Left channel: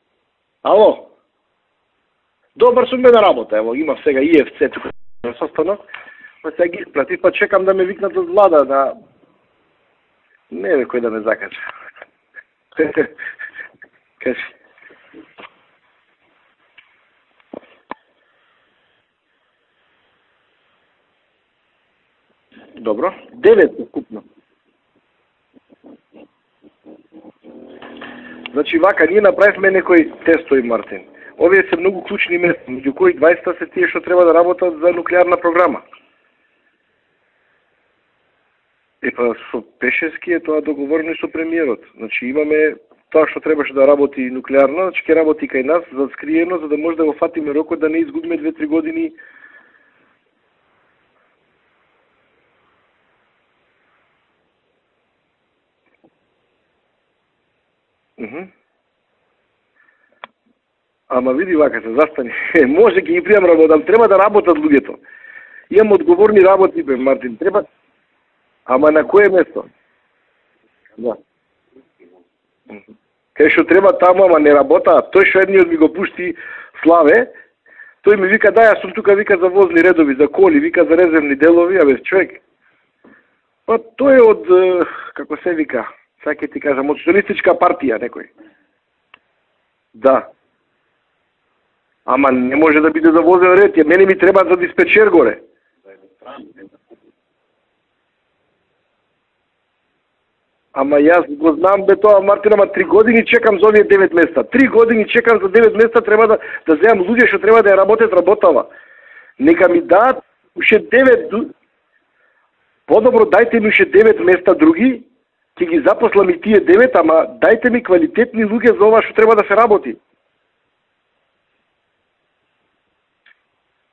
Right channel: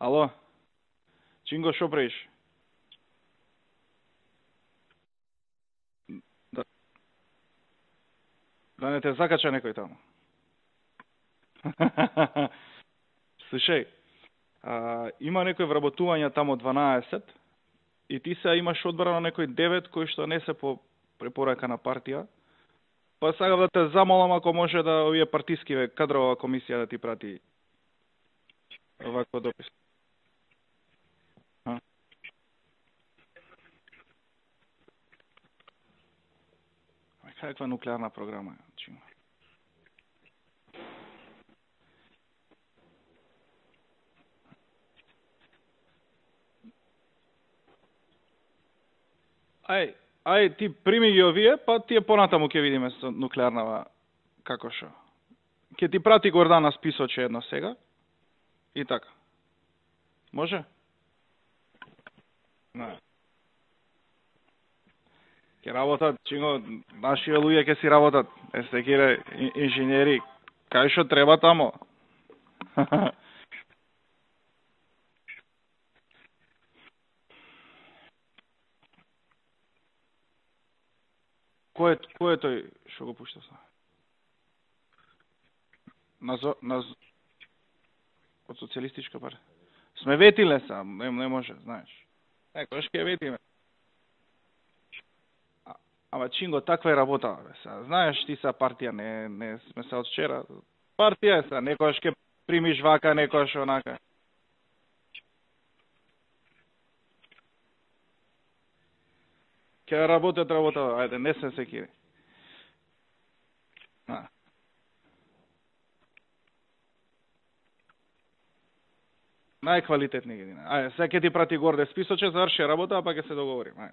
Ало? Ало? Чинго, шо правиш? Добар сум бе на работа, ево, има сега ИФЦ тука на состанок. Па сега ги исплати, па чекам да ме викнат од влада, да... Не те закача некој таму? Не бе, кој да ме закача. Слушај, Кажи. има некој вработување таму 12 и ти се имаш одбрано некој 9 кој што не се по препорака на партија. Добро. Па сега те замолам ако може да овие партиски кадрова комисија да ти прати. Значи вака, ние направивме некои тестови, Мартин. Овие се многу клучни места, меѓу кои 20 се тие што треба да работат за нуклеарна програма. Каква нуклеарна програма? Па со Пешевски е тоа договорено и со премиерот. Значи имаме тоа што требаше да работи нуклеарна, значи ќе работи кај нас за скриено, за да може да го фатиме рокот да не изгубиме 2-3 години. Ај, ти прими ги овие, па тие понатаму ќе видиме со нуклеарнава како шо. Ќе ти прати Гордана списоче едно сега. И така. Може? Ама види вака се застани. Може ќе ги пријам работам, треба да работат луѓето. Имам одговорни работи бе, Мартин. Луѓе ќе си работат. Ама на кое место? Инженери. Кај што треба таму? Кај што треба таму, ама не работа. Тој што едниот ми го пушти Славе, тој ми вика да, јас сум тука, вика за возни редови, за коли, вика за резервни делови, абе човек. Кој е тој што го пушта? Па тој е од како се вика? Сега ќе ти кажам, од социјалистичка партија некој. Од социјалистичка партија. Да. Светиле са, не може, знаеш. Ама не може да биде за возен ред, мене ми треба за диспечер горе. Ама Чинго, таква е работа, бе. Знаеш, ти са партија, не сме се од вчера. Ама јас го знам бе тоа, Мартин, ама 3 години чекам за овие 9 места. 3 години чекам за 9 места, треба да земам луѓе што треба да ја работат работава. Нека ми дадат уште 9. Подобро дайте ми уште 9 места други, ќе ги запослам и тие 9, ама дајте ми квалитетни луѓе за ова што треба да се работи. Квалитетни ги. Ајде, сега ќе ти прати горде списоче, заврши работа, па ќе се договориме.